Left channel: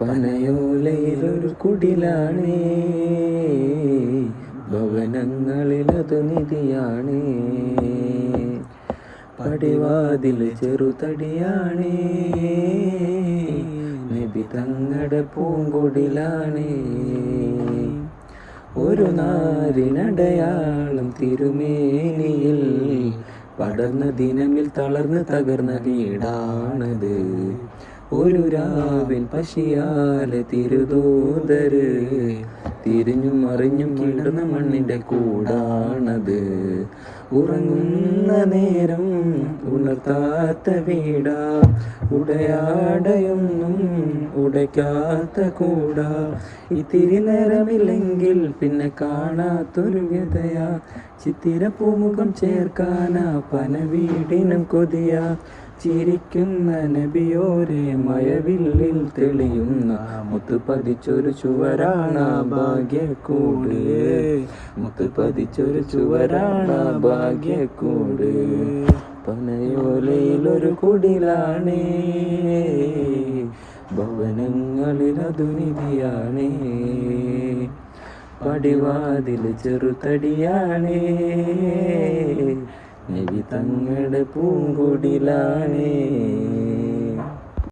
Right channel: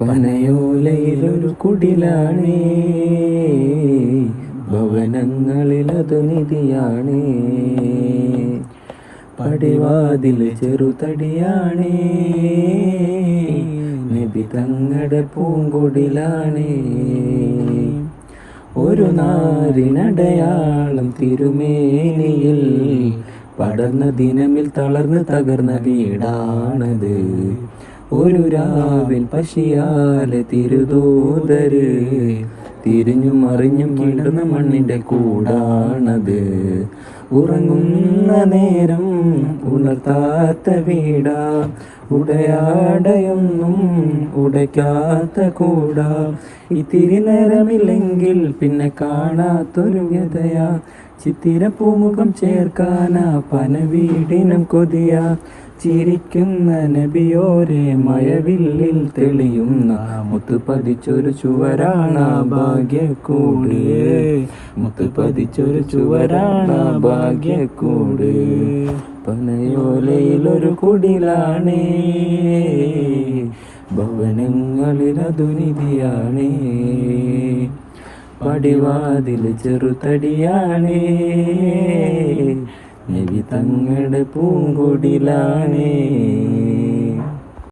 പനയോലയിലൊരു കുടിലാണേ, ഭവനങ്ങളിലതു നിധിയാണേ. പടിവാതിൽ ചെറുതടിയാണേ, നബി തങ്ങളുടെ പൂങ്കൊടിലാണേ. ഒരു നാരിനടയാളം തിരുമേനിയിൽ പടർന്ന ദിനമിൽ തളർന്ന് തകർന്ന വീടാണത്. ഒരു രാവിൽ പശിയാല് തിരുദൂതര് തിരിഞ്ഞും മറിഞ്ഞും വീണ്ടുന്ന മണ്ണിന്റെ കൂടാണത്. ഉറങ്ങുന്ന നേരം ഉണർത്താത്ത വീടാ, ഉടയാടയൊന്നും ഉടയ്ക്കാത്ത കൂടാ. ഇത്തിരി നേരമില്ലെങ്കിൽ പിന്നെ കാണാത്തൊരു വ്യതയാ, ചിത്തിര പൂമുഖം ചേർക്കാനാ പന വീടിനം കൊതിയാ. ചിരിക്കുന്ന നബിയോരെ മഴവില്ലിൽ തെളിയുന്ന മുത്തുപതിച്ചൊരു ചുവരാണ് ഭാഗ്യക്കൂട്, മുത്തുപതിച്ചൊരു ചുവരാണ് ഭാഗ്യക്കൂട്. പനയോലയിലൊരു കുടിലാണേ, ഭവനങ്ങളിലതു നിധിയാണേ. പടിവാതിൽ ചെറുതടിയാണേ, നബി തങ്ങളുടെ പൂങ്കൊടിലാണേ.